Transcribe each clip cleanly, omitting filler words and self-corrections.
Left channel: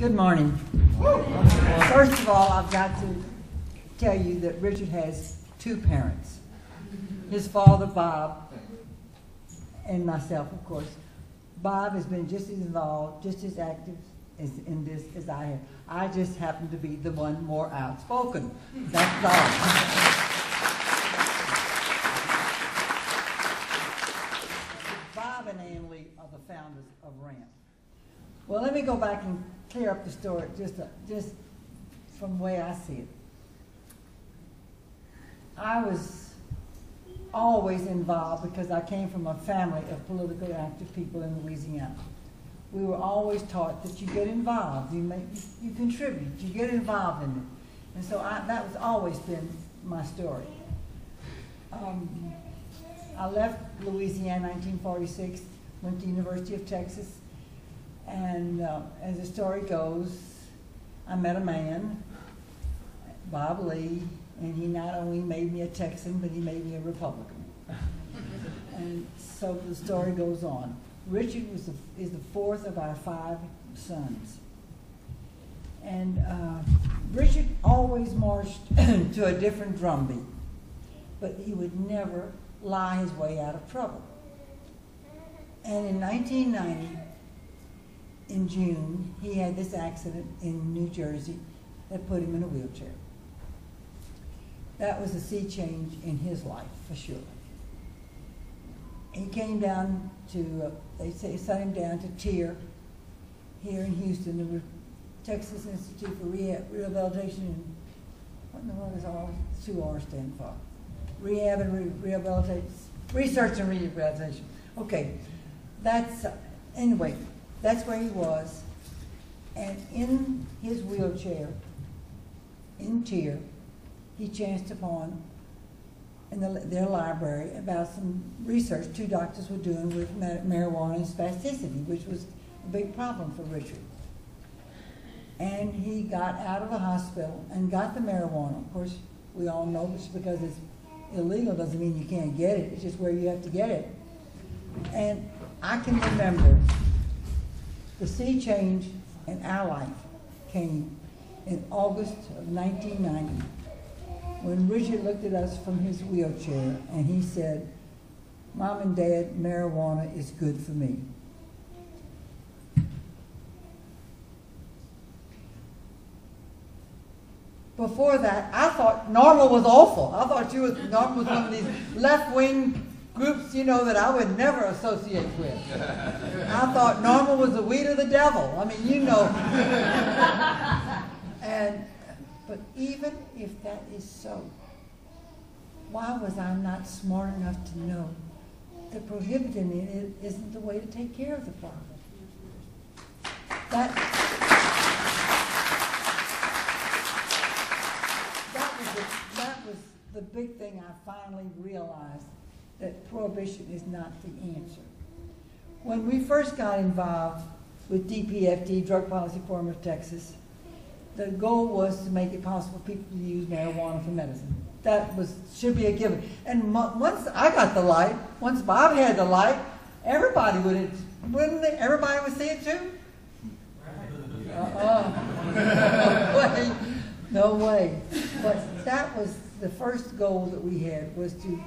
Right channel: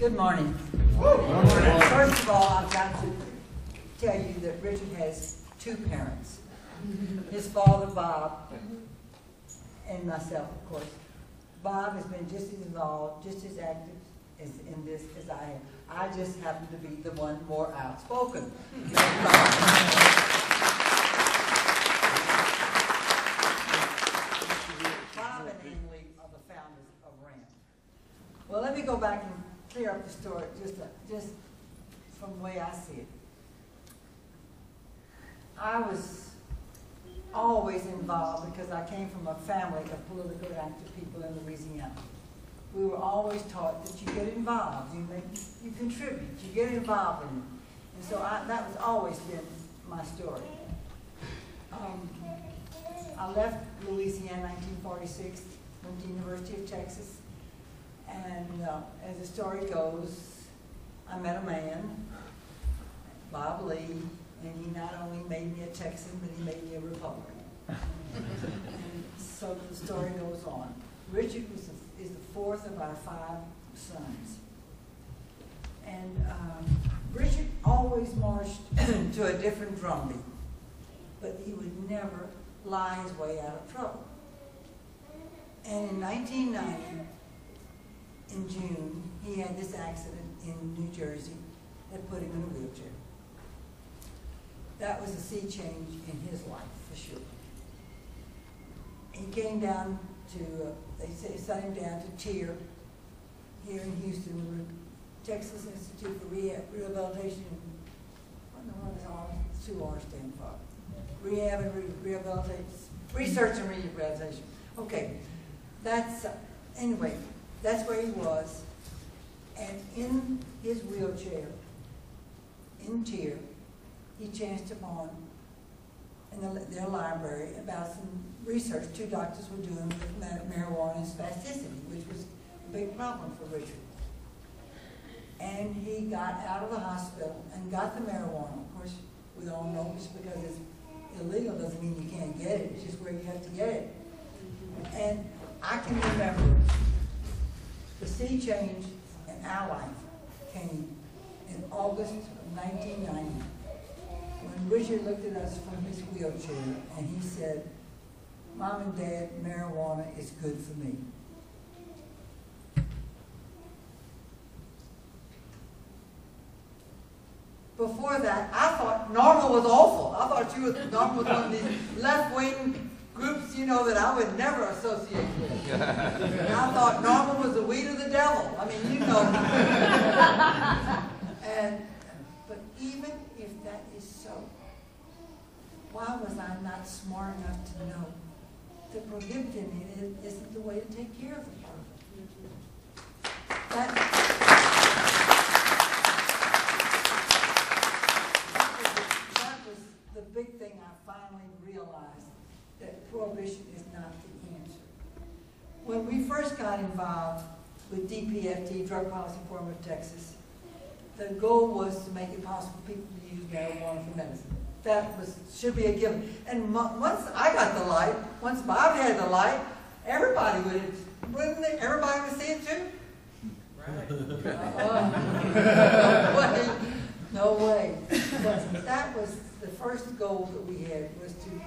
Good morning. First of all, I've got to tell you that Richard has two parents. His father, Bob, and myself, of course. Bob has been just as involved, just as active in this as I have. I just happen to be the one more outspoken. That's all. Bob and Ann Lee are the founders of RAMP. Well, let me go back and clear up the story just from the way I see it. I was always involved because I came from a family of politically active people in Louisiana. We were always taught that you get involved, you contribute, you get involved in it. And so that was always been my story. I left Louisiana in 1946, went to the University of Texas, and as the story goes, I met a man, Bob Lee, and he not only made me a Texan, but he made me a Republican. And so the story goes on. Richard is the fourth of our 5 sons. And Richard always marched to a different drumbeat, but he would never lie his way out of trouble. And in 1990, in June, he had this accident in New Jersey that put him in a wheelchair. That was a sea change in his life, for sure. He came down to, they sent him down to TIER here in Houston, the Texas Institute for Rehabilitation. What in the world is all 2 R's stand for? Rehab and Rehabilitation, Research and Rehabilitation. Okay, that's, anyway, that's where he was. And in his wheelchair, in TIER, he chanced upon in their library about some research 2 doctors were doing with marijuana and spasticity, which was a big problem for Richard. And he got out of the hospital and got the marijuana. Of course, we all know just because it's illegal doesn't mean you can't get it. It's just where you have to get it. And I can remember the sea change in our life came in August of 1990. When Richard looked at us from his wheelchair and he said, "Mom and Dad, marijuana is good for me." Before that, I thought NORML was awful. I thought NORML was one of these left-wing groups, you know, that I would never associate with. I thought NORML was the weed of the devil. I mean, you know. But even if that is so, why was I not smart enough to know that prohibiting it isn't the way to take care of the problem? That was the big thing I finally realized, that prohibition is not the answer. When we first got involved with DPFD, Drug Policy Forum of Texas, the goal was to make it possible for people to use marijuana for medicine. That should be a given. And once I got the light, once Bob had the light, everybody wouldn't they? Everybody would see it too? Right. No way. But that was the first goal that we had, was to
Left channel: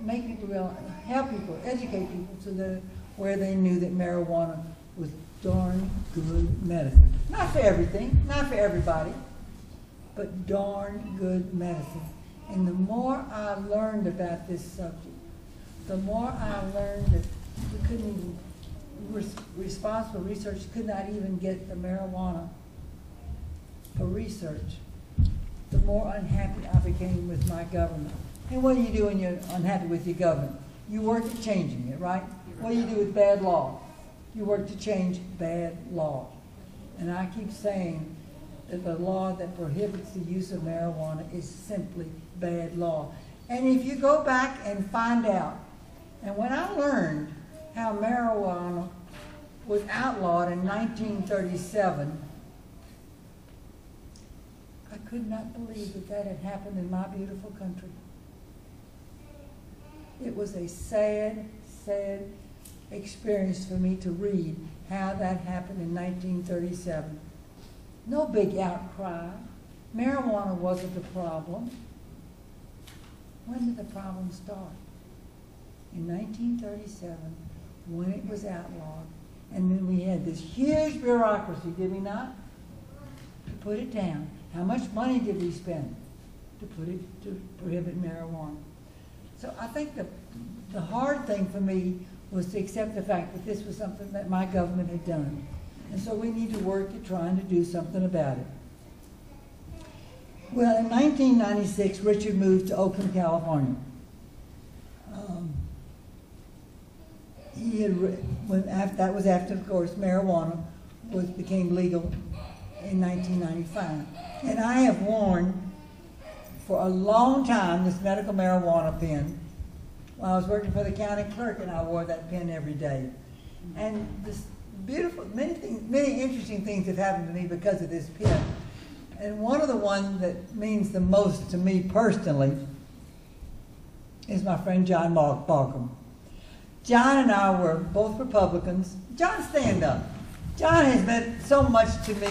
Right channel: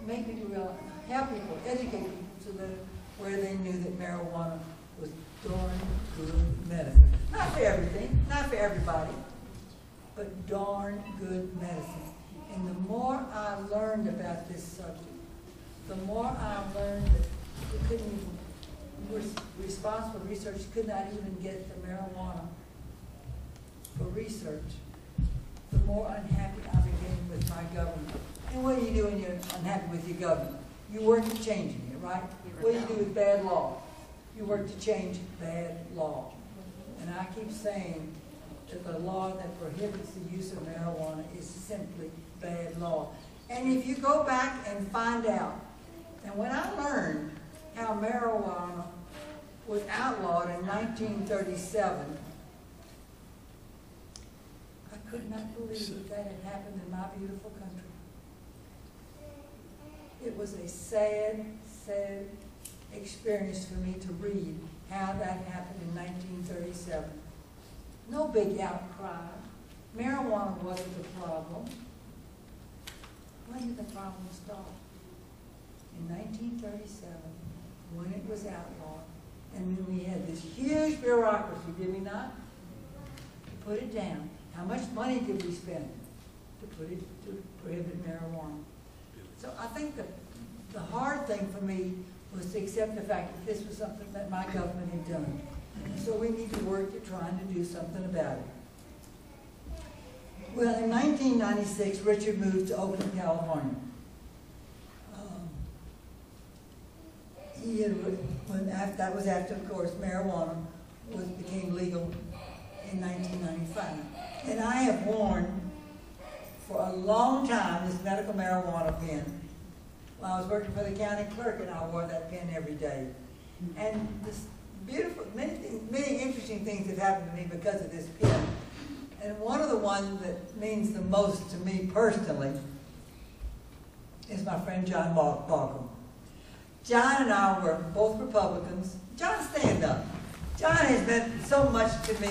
make people realize, help people, educate people to where they knew that marijuana was darn good medicine. Not for everything, not for everybody, but darn good medicine. And the more I learned about this subject, the more I learned that we couldn't even, responsible research could not even get the marijuana for research, the more unhappy I became with my government. And what do you do when you're unhappy with your government? You work at changing it, right? What do you do with bad law? You work to change bad law. And I keep saying that the law that prohibits the use of marijuana is simply bad law. And if you go back and find out, and when I learned how marijuana was outlawed in 1937, I could not believe that had happened in my beautiful country. It was a sad, sad experience for me to read how that happened in 1937. No big outcry. Marijuana wasn't the problem. When did the problem start? In 1937, when it was outlawed, and then we had this huge bureaucracy, did we not? To put it down. How much money did we spend to prohibit marijuana? So I think the hard thing for me was to accept the fact that this was something that my government had done. And so we need to work at trying to do something about it. Well, in 1996, Richard moved to Oakland, California. That was after, of course, marijuana became legal in 1995. And I have worn for a long time this medical marijuana pen. When I was working for the county clerk, and I wore that pen every day. And this beautiful, many interesting things have happened to me because of this pen. And one of the ones that means the most to me personally is my friend John Balcom. John and I were both Republicans. John, stand up. John has meant so much to me. I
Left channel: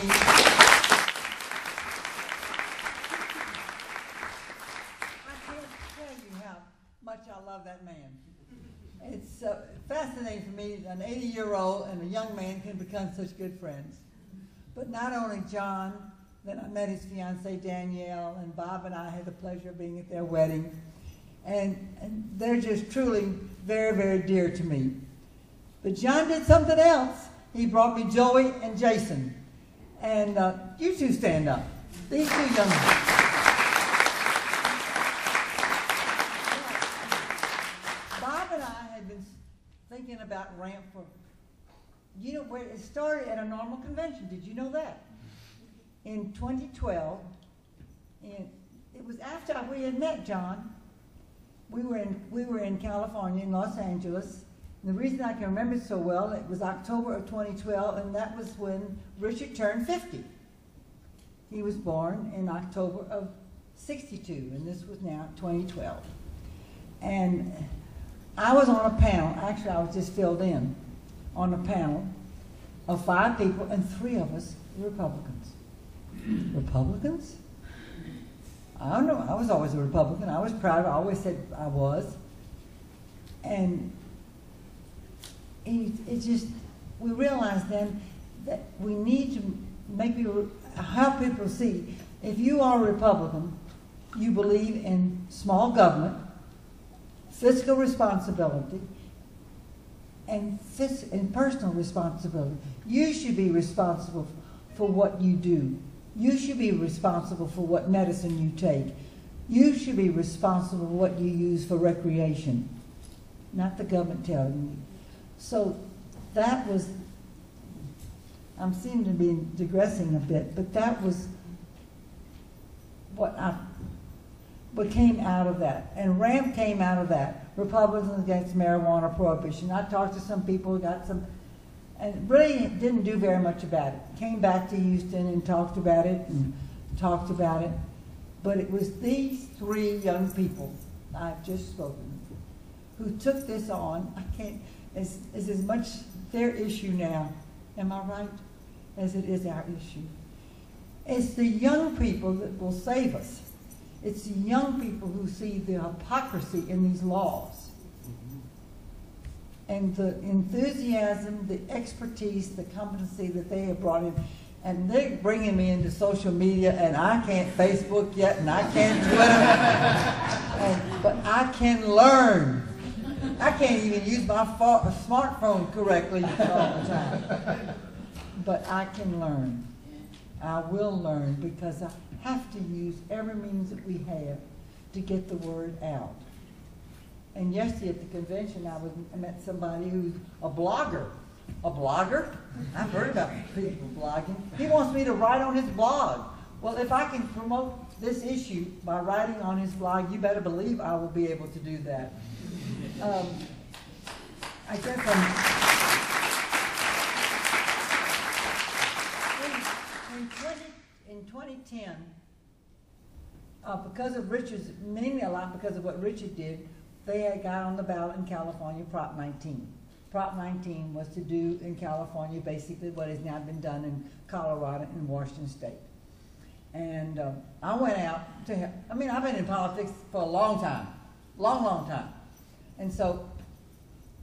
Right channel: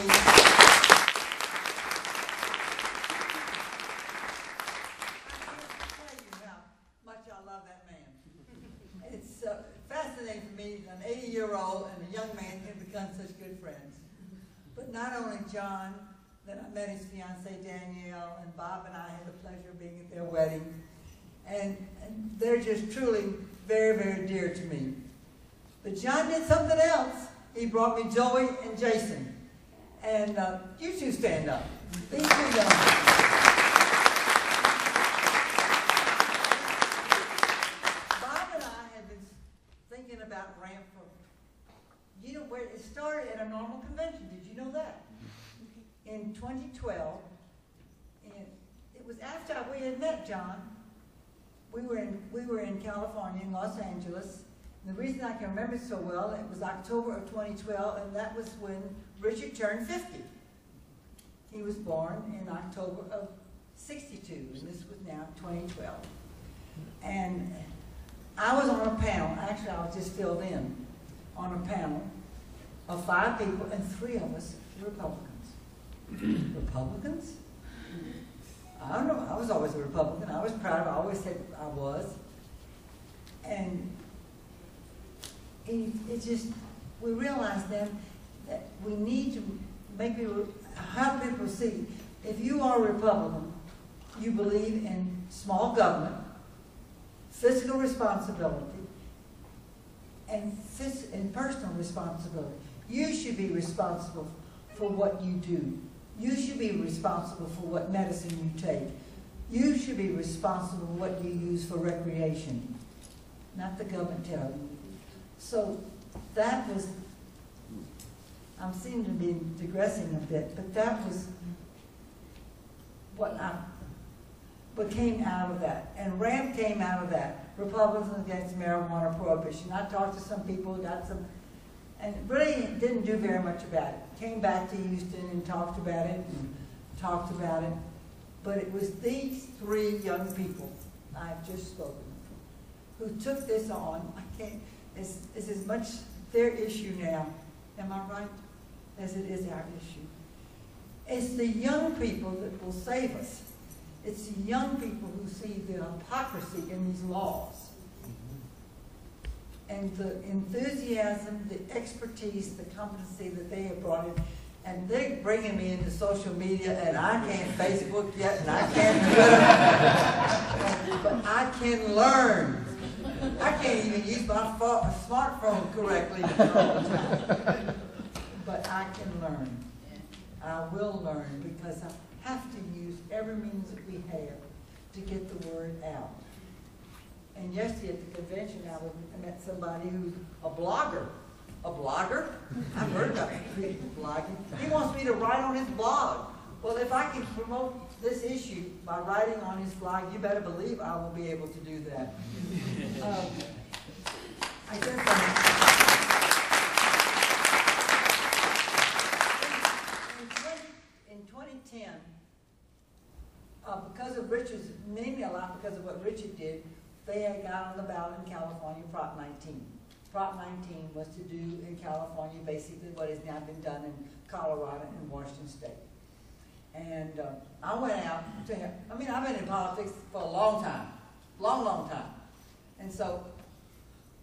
can't tell you how much I love that man. It's fascinating for me that an 80-year-old and a young man can become such good friends. But not only John, then I met his fiancée Danielle, and Bob and I had the pleasure of being at their wedding. And they're just truly very, very dear to me. But John did something else. He brought me Joey and Jason. And you two stand up. These two young men. Bob and I had been thinking about RAMP for, you know, where it started at a normal convention. Did you know that? In 2012, and it was after we had met John. We were in California, in Los Angeles. And the reason I can remember it so well, it was October of 2012, and that was when Richard turned 50. He was born in October of 62, and this was now 2012. And I was on a panel, actually I was just filled in, on a panel of 5 people, and 3 of us were Republicans. Republicans? I don't know, I was always a Republican. I was proud, I always said I was. And it just, we realized then that we need to make people, help people see, if you are a Republican, you believe in small government, fiscal responsibility, and personal responsibility. You should be responsible for what you do. You should be responsible for what medicine you take. You should be responsible for what you use for recreation, not the government telling you. So that was, I'm seeming to be digressing a bit, but that was what came out of that. And RAMP came out of that. Republicans Against Marijuana Prohibition. I talked to some people, got some, and really didn't do very much about it. Came back to Houston and talked about it. But it was these 3 young people I've just spoken of who took this on. It's as much their issue now, am I right, as it is our issue. It's the young people that will save us. It's the young people who see the hypocrisy in these laws. And the enthusiasm, the expertise, the competency that they have brought in. And they're bringing me into social media, and I can't Facebook yet, and I can't Twitter, but I can learn. I can't even use my smartphone correctly all the time. But I can learn. I will learn, because I have to use every means that we have to get the word out. And yesterday at the convention, I met somebody who's a blogger. A blogger? I've heard about people blogging. He wants me to write on his blog. Well, if I can promote this issue by writing on his blog, you better believe I will be able to do that. I guess in 2010, because of Richard's, mainly a lot because of what Richard did, they had got on the ballot in California, Prop 19. Prop 19 was to do in California basically what has now been done in Colorado and Washington State. And I went out to, I've been in politics for a long time, long time. And so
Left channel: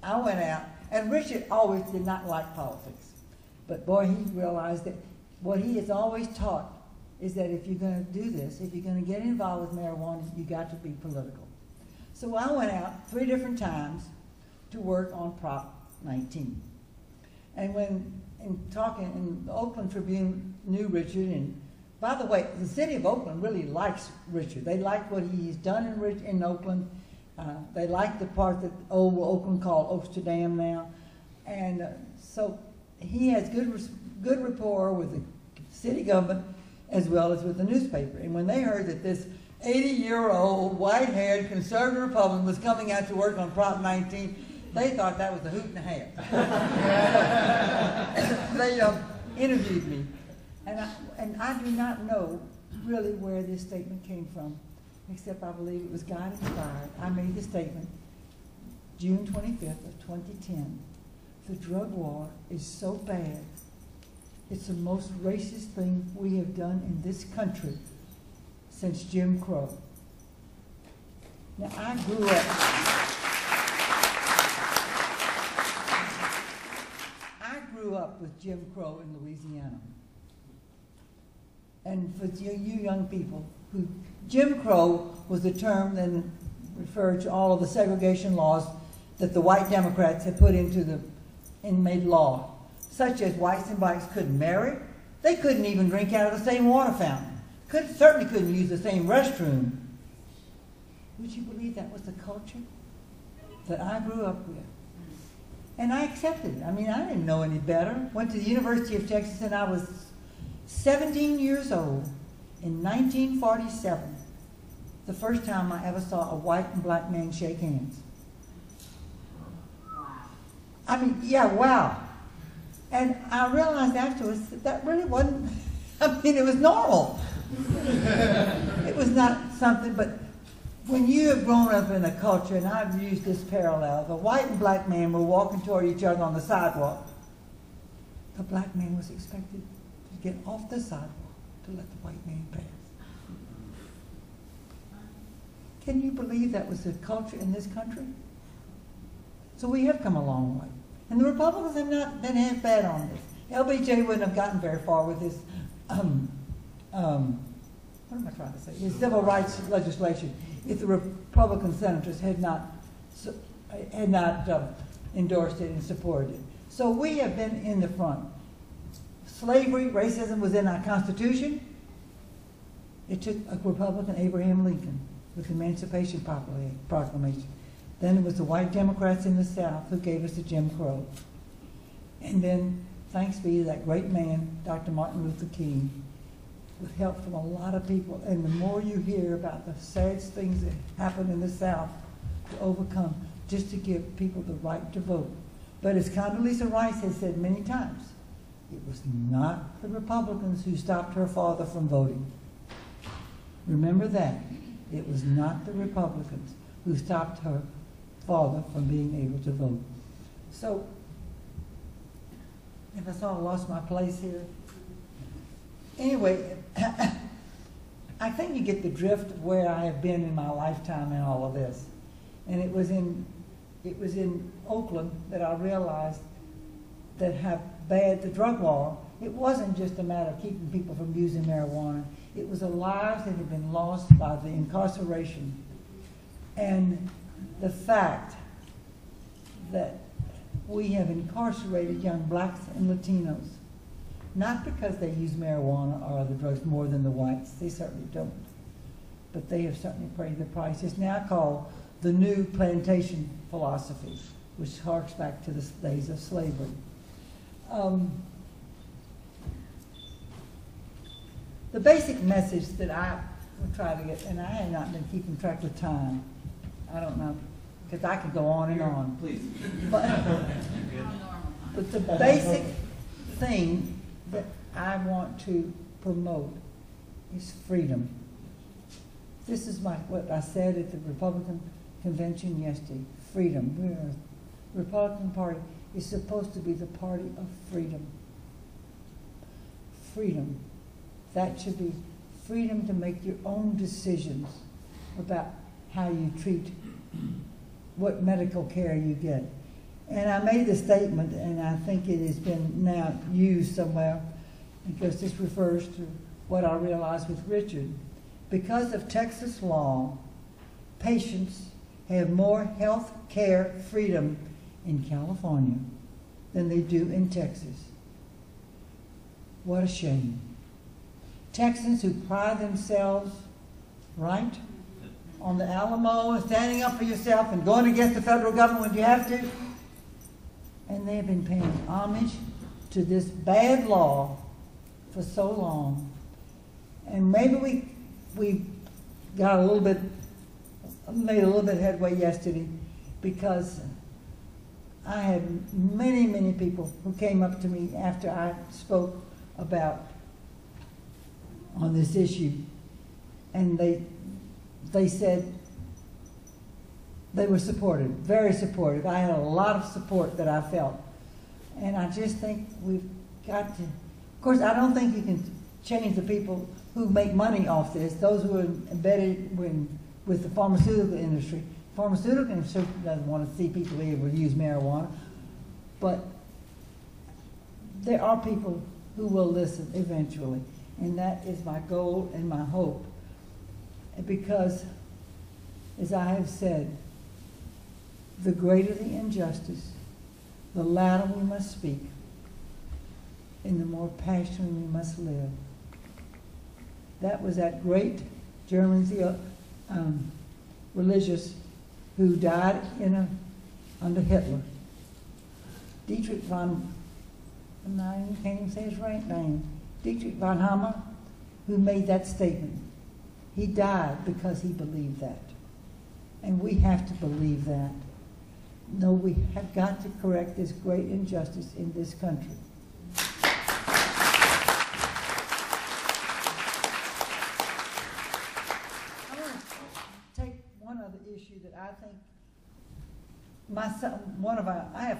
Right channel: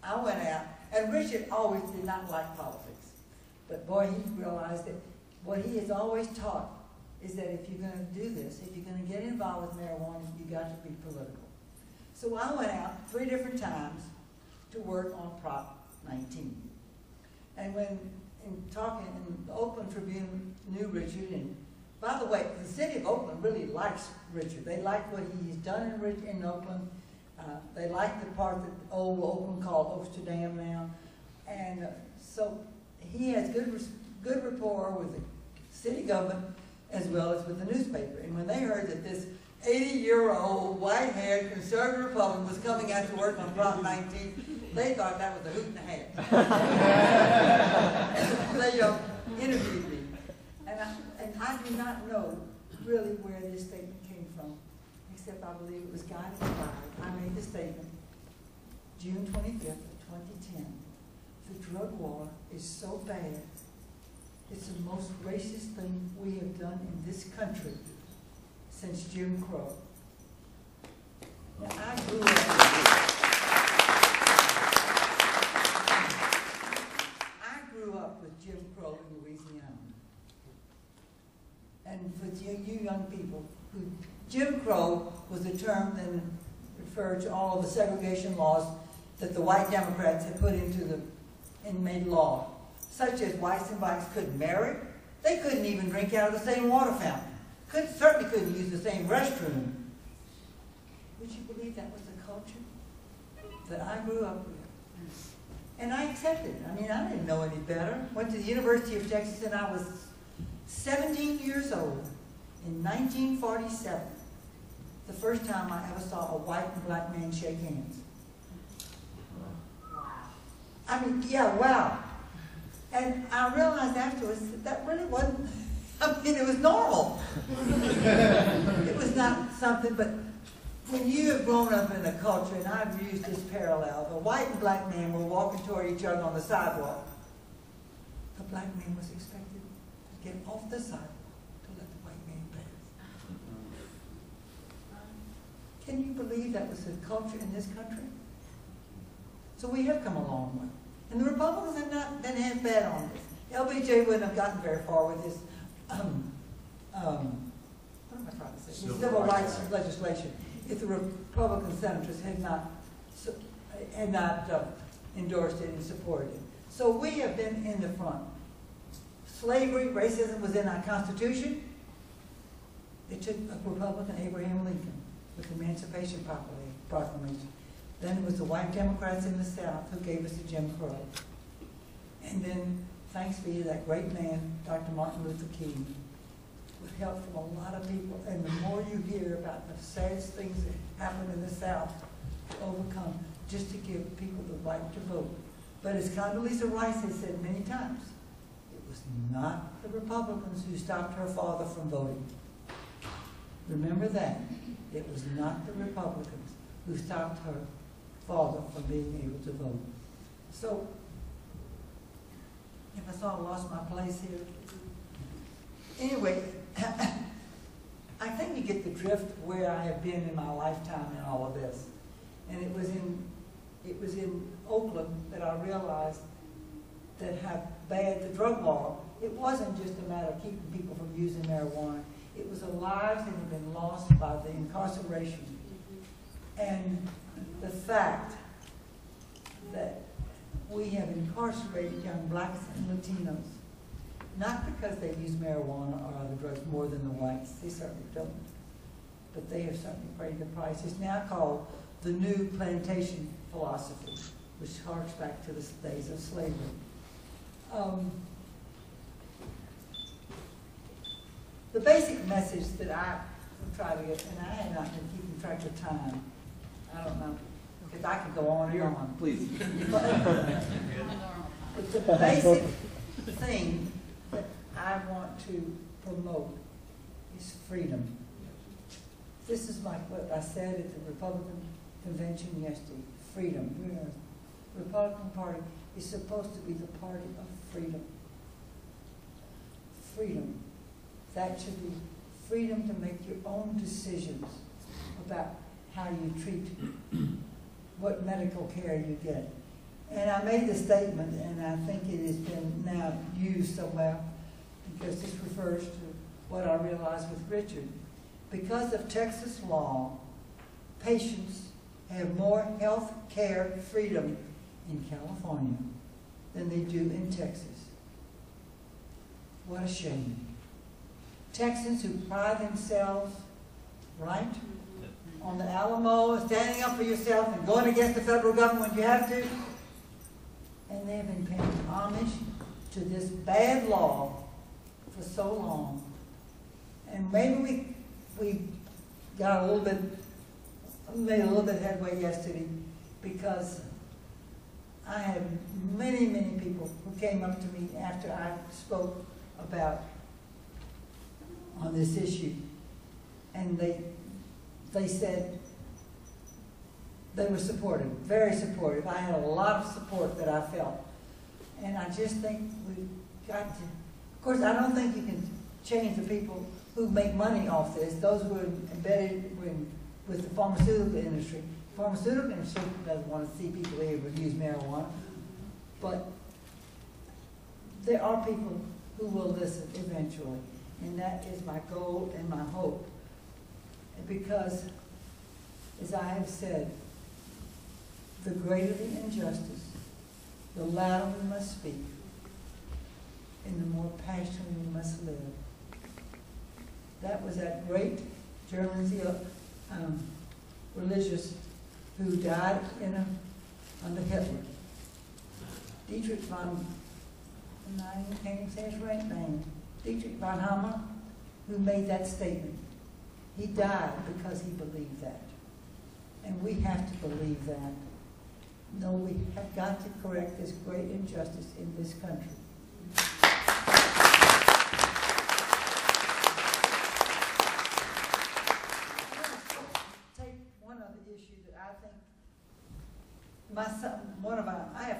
I went out, and Richard always did not like politics. But boy, he realized that what he has always taught is that if you're going to do this, if you're going to get involved with marijuana, you got to be political. So I went out 3 different times to work on Prop 19. And when in the Oakland Tribune knew Richard, and by the way, the city of Oakland really likes Richard. They like what he's done in Oakland. They like the part that old Oakland called Amsterdam now. And so he has good rapport with the city government as well as with the newspaper. And when they heard that this 80-year-old, white-haired conservative Republican was coming out to work on Prop 19, they thought that was a hoot and a half. They interviewed me. And I do not know really where this statement came from, except I believe it was God inspired. I made the statement June 25th of 2010. The drug war is so bad. It's the most racist thing we have done in this country since Jim Crow. Now, I grew up with Jim Crow in Louisiana. And for you young people, Jim Crow was the term that referred to all of the segregation laws that the white Democrats had put into the inmate law, such as whites and blacks couldn't marry, they couldn't even drink out of the same water fountain, certainly couldn't use the same restroom. Would you believe that was the culture that I grew up with? And I accepted it. I didn't know any better. Went to the University of Texas, and I was 17 years old in 1947, the first time I ever saw a white and black man shake hands. Yeah, wow. And I realized afterwards that really wasn't, it was normal. It was not something, but when you have grown up in a culture, and I've used this parallel, the white and black man were walking toward each other on the sidewalk. The black man was expected to get off the sidewalk to let the white man pass. Can you believe that was the culture in this country? So we have come a long way. And the Republicans have not been half bad on this. LBJ wouldn't have gotten very far with his, what am I trying to say? His civil rights legislation if the Republican senators had not endorsed it and supported it. So we have been in the front. Slavery, racism was in our Constitution. It took a Republican, Abraham Lincoln, with the Emancipation Proclamation. Then it was the white Democrats in the South who gave us the Jim Crow. And then, thanks be to that great man, Dr. Martin Luther King, with help from a lot of people. And the more you hear about the sad things that happen in the South to overcome, just to give people the right to vote. But as Condoleezza Rice has said many times, it was not the Republicans who stopped her father from voting. Remember that. It was not the Republicans who stopped her father from being able to vote. So, if I sort of lost my place here. Anyway, I think you get the drift of where I have been in my lifetime in all of this. And it was in Oakland that I realized that how bad the drug war, it wasn't just a matter of keeping people from using marijuana. It was the lives that had been lost by the incarceration. And the fact that we have incarcerated young blacks and Latinos, not because they use marijuana or other drugs more than the whites, they certainly don't, but they have certainly paid the price. It's now called the new plantation philosophy, which harks back to the days of slavery. The basic message that I will try to get, and I have not been keeping track of time, I don't know, because I could go on and on. Please. But the basic thing that I want to promote is freedom. This is what I said at the Republican convention yesterday, freedom. We're a Republican Party, is supposed to be the party of freedom. Freedom. That should be freedom to make your own decisions about how you treat what medical care you get. And I made the statement, and I think it has been now used somewhere, because this refers to what I realized with Richard. Because of Texas law, patients have more health care freedom in California than they do in Texas. What a shame. Texans who pride themselves, right, on the Alamo and standing up for yourself and going against the federal government when you have to, and they've been paying homage to this bad law for so long. And maybe we got made a little bit headway yesterday, because I had many, many people who came up to me after I spoke on this issue, and they said they were supportive, very supportive. I had a lot of support that I felt, and I just think we've got to, of course, I don't think you can change the people who make money off this, those who are embedded with the pharmaceutical industry. The pharmaceutical industry doesn't want to see people able to use marijuana, but there are people who will listen eventually, and that is my goal and my hope. Because, as I have said, the greater the injustice, the louder we must speak, and the more passionately we must live. That was that great German religious who died under Hitler. Dietrich von, I can't even say his right name, Dietrich von Hammer, who made that statement. He died because he believed that. And we have to believe that. No, we have got to correct this great injustice in this country. I'm going to take one other issue that I think my son,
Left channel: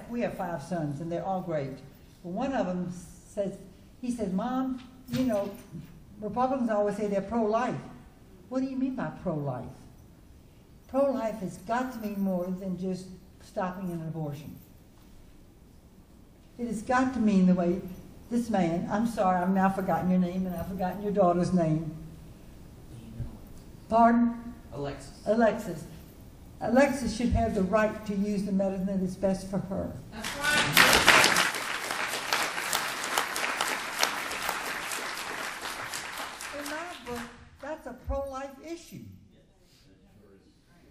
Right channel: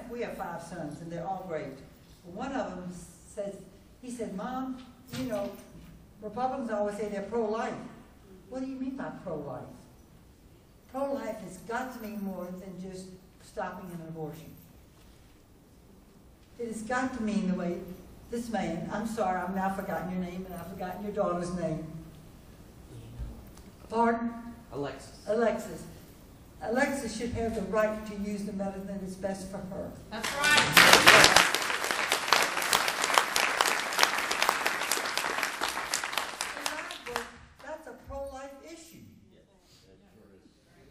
we have 5 sons, and they're all great. But one of them he said, Mom, you know, Republicans always say they're pro-life. What do you mean by pro-life? Pro-life has got to mean more than just stopping an abortion. It has got to mean the way this man, I'm sorry, I've now forgotten your name, and I've forgotten your daughter's name. Pardon? Alexis. Alexis should have the right to use the medicine that is best for her. That's right. That's a pro-life issue.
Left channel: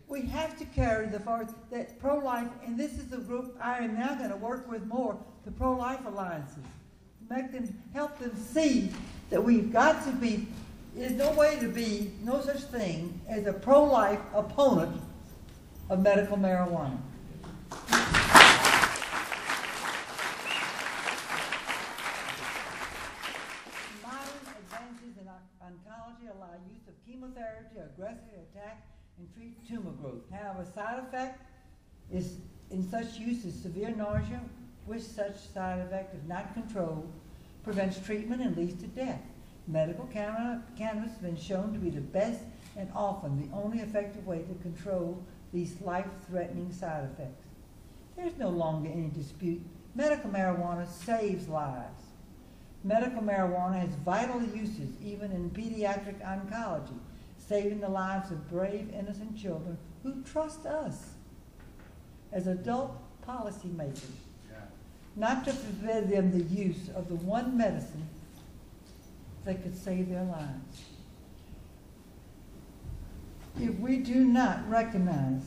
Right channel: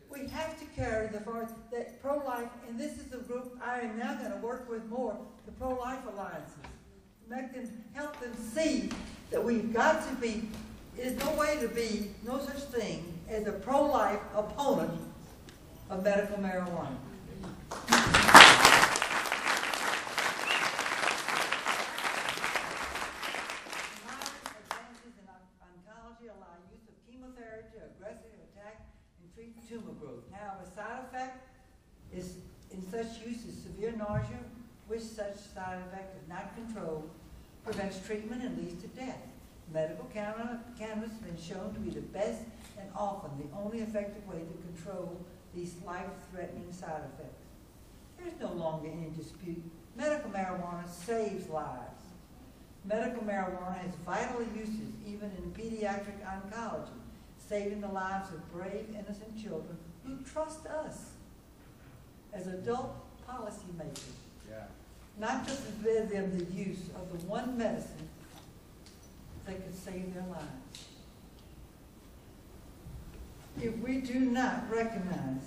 We have to carry the forward that pro-life, and this is the group I am now going to work with more, the ProLife Alliances. Help them see that we've got to be, there's no way to be, no such thing as a pro-life opponent of medical marijuana. Allow use of chemotherapy to aggressively attack and treat tumor growth. However, side effect is in such use is severe nausea, which such side effect, if not controlled, prevents treatment and leads to death. Medical cannabis has been shown to be the best and often the only effective way to control these life-threatening side effects. There's no longer any dispute. Medical marijuana saves lives. Medical marijuana has vital uses even in pediatric oncology, saving the lives of brave, innocent children who trust us as adult policymakers, not to forbid them the use of the one medicine that could save their lives. If we do not recognize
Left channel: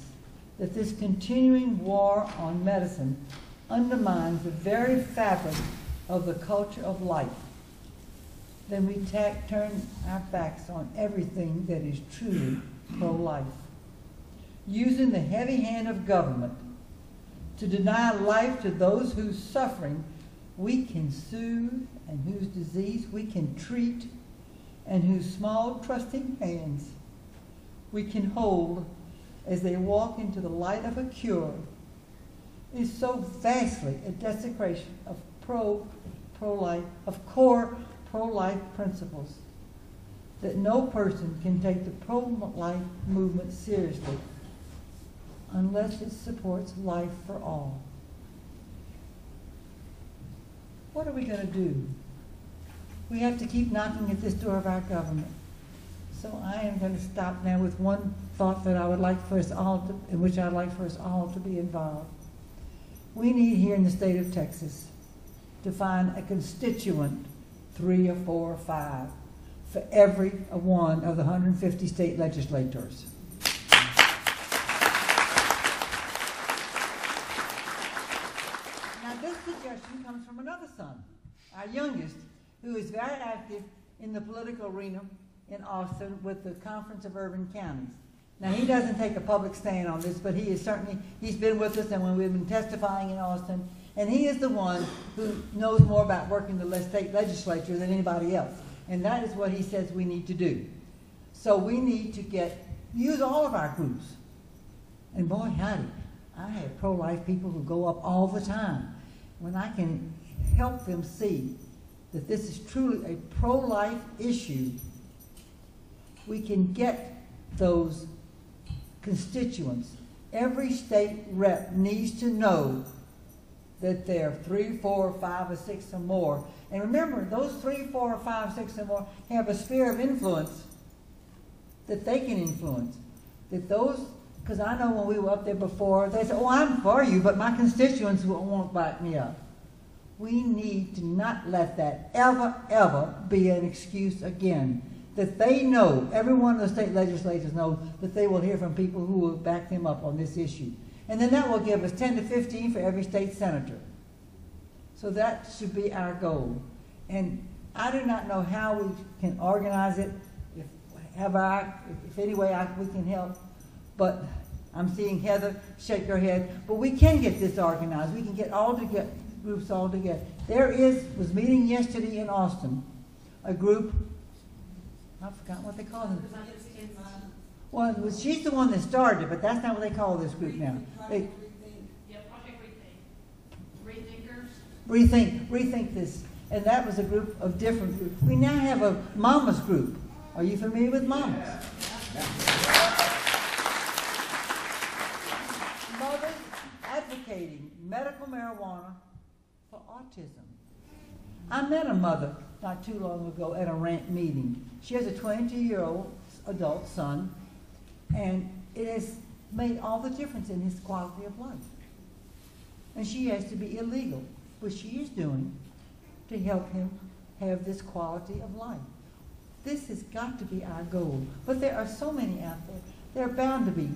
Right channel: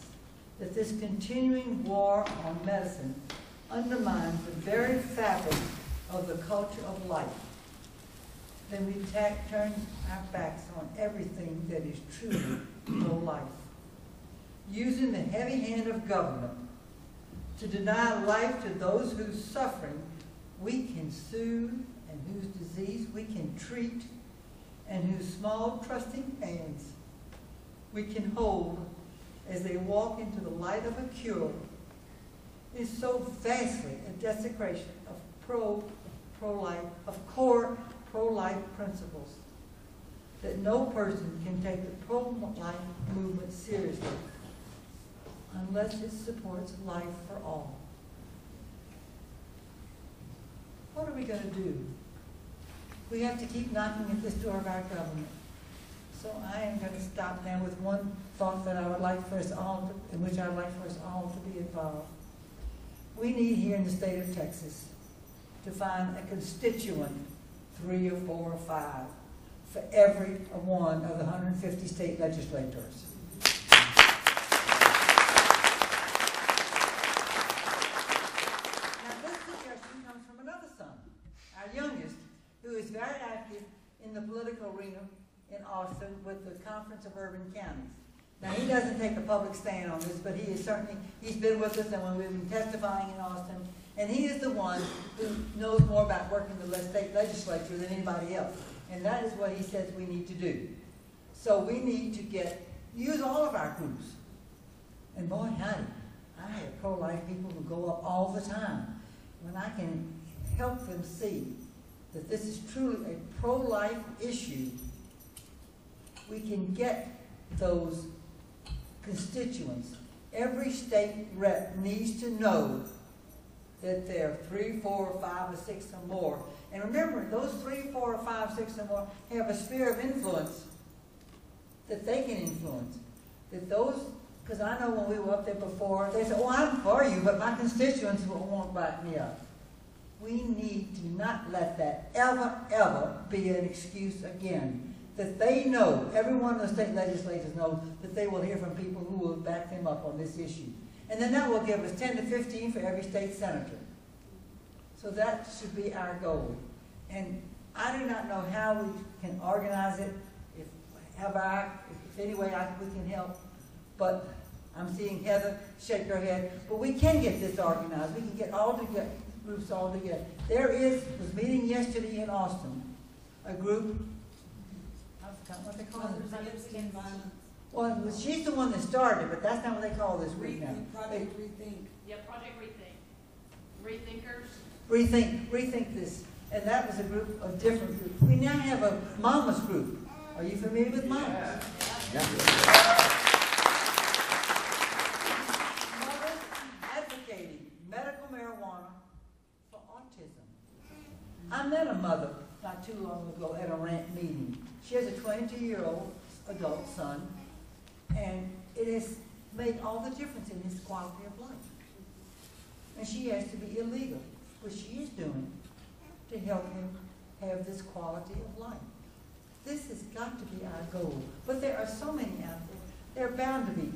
that this continuing war on medicine undermines the very fabric of the culture of life, then we turn our backs on everything that is truly pro-life. Using the heavy hand of government to deny life to those whose suffering we can soothe and whose disease we can treat and whose small trusting hands we can hold as they walk into the light of a cure is so vastly a desecration of pro-life, of core pro-life principles, that no person can take the pro-life movement seriously unless it supports life for all. What are we going to do? We have to keep knocking at this door of our government. So I am going to stop now with one thought that I would like for us all to, in which I'd like for us all to be involved. We need here in the state of Texas to find a constituent, 3 or 4 or 5, for every one of the 150 state legislators. Now this suggestion comes from another son, our youngest, who is very active in the political arena in Austin with the Conference of Urban Counties. Now he doesn't take a public stand on this, but he is certainly, he's been with us and when we've been testifying in Austin, and he is the one who knows more about working the state legislature than anybody else. And that is what he says we need to do. So we need to use all of our groups. And boy, howdy, I have pro-life people who go up all the time. When I can help them see that this is truly a pro-life issue, we can get those constituents. Every state rep needs to know that there are 3, 4, 5, or 6 or more. And remember, those 3, 4, 5, 6 or more have a sphere of influence that they can influence. That those, because I know when we were up there before, they said, oh, I'm for you, but my constituents won't back me up. We need to not let that ever, ever be an excuse again. That they know, every one of the state legislators knows that they will hear from people who will back them up on this issue. And then that will give us 10 to 15 for every state senator. So that should be our goal. And I do not know how we can organize it, if any way we can help, but I'm seeing Heather shake her head. But we can get this organized. We can get groups all together. Was meeting yesterday in Austin, a group, I forgot what they call them. Well, she's the one that started it, but that's not what they call this group now. Project Rethink. Yeah, Project Rethink. Rethink. Rethink this. And that was a group of different groups. We now have a mamas group. Are you familiar with mamas? Yeah. Mothers advocating medical marijuana for autism. I met a mother not too long ago at a rant meeting. She has a 22-year-old adult son, and it has made all the difference in his quality of life. And she has to be illegal, which she is doing, to help him have this quality of life. This has got to be our goal. But there are so many out there. There are bound to be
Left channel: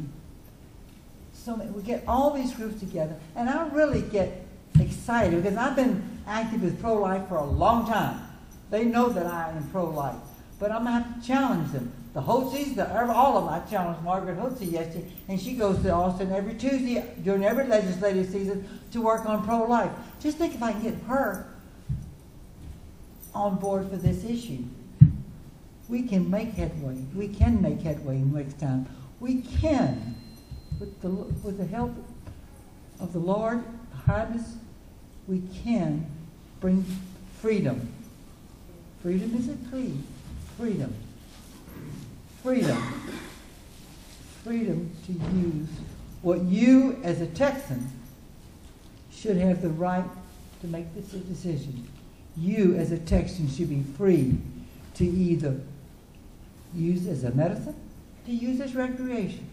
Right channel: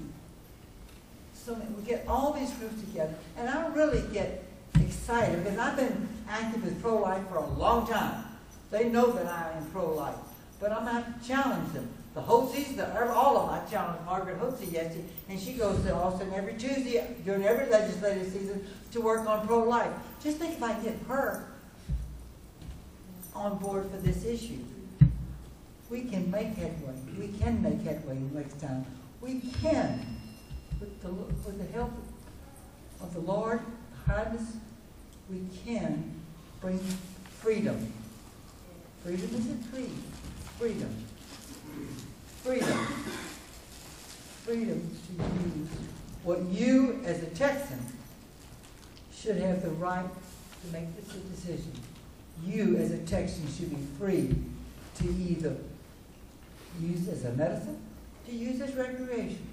so many. We get all these groups together, and I really get excited because I've been active with pro-life for a long time. They know that I am pro-life, but I'm going to have to challenge them. The Hotzies, all of them. I challenged Margaret Hotzie yesterday, and she goes to Austin every Tuesday during every legislative season to work on pro-life. Just think if I can get her on board for this issue. We can make headway. We can make headway next time. We can, with the help of the Lord, hardness, we can bring freedom. Freedom is a tree. Freedom. Freedom. Freedom to use what you, as a Texan, should have the right to make this a decision. You, as a Texan, should be free to either use as a medicine, to use as recreation.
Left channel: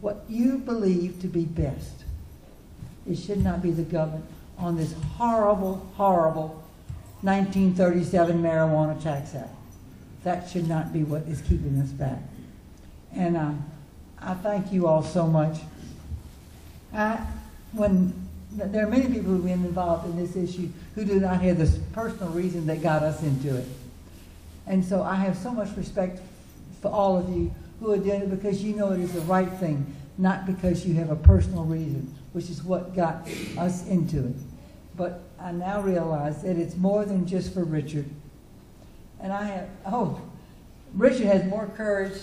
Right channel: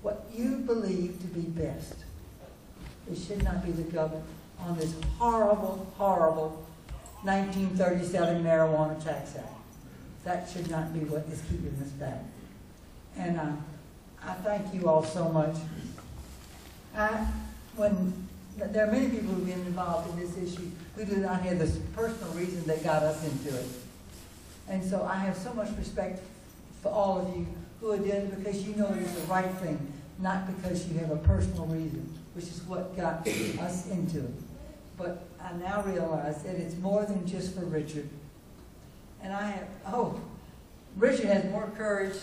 What you believe to be best. It should not be the government on this horrible, horrible 1937 Marijuana Tax Act. That should not be what is keeping us back. And I thank you all so much. There are many people who have been involved in this issue who do not have this personal reason that got us into it. And so I have so much respect for all of you who are doing it because you know it is the right thing, not because you have a personal reason, which is what got us into it. But I now realize that it's more than just for Richard. And Richard has more courage.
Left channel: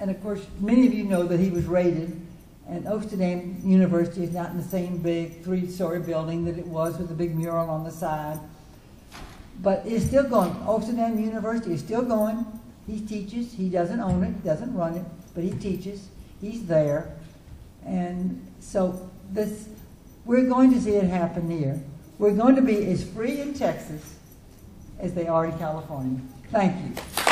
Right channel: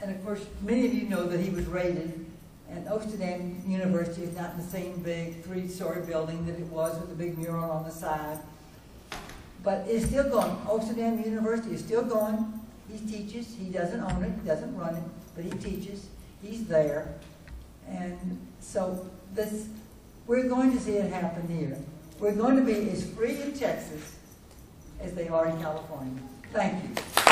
And of course, many of you know that he was raided And Amsterdam University is not in the same big 3-story building that it was with the big mural on the side. But it's still going. Amsterdam University is still going. He teaches. He doesn't own it, doesn't run it, but he teaches. He's there. And so we're going to see it happen here. We're going to be as free in Texas as they are in California. Thank you.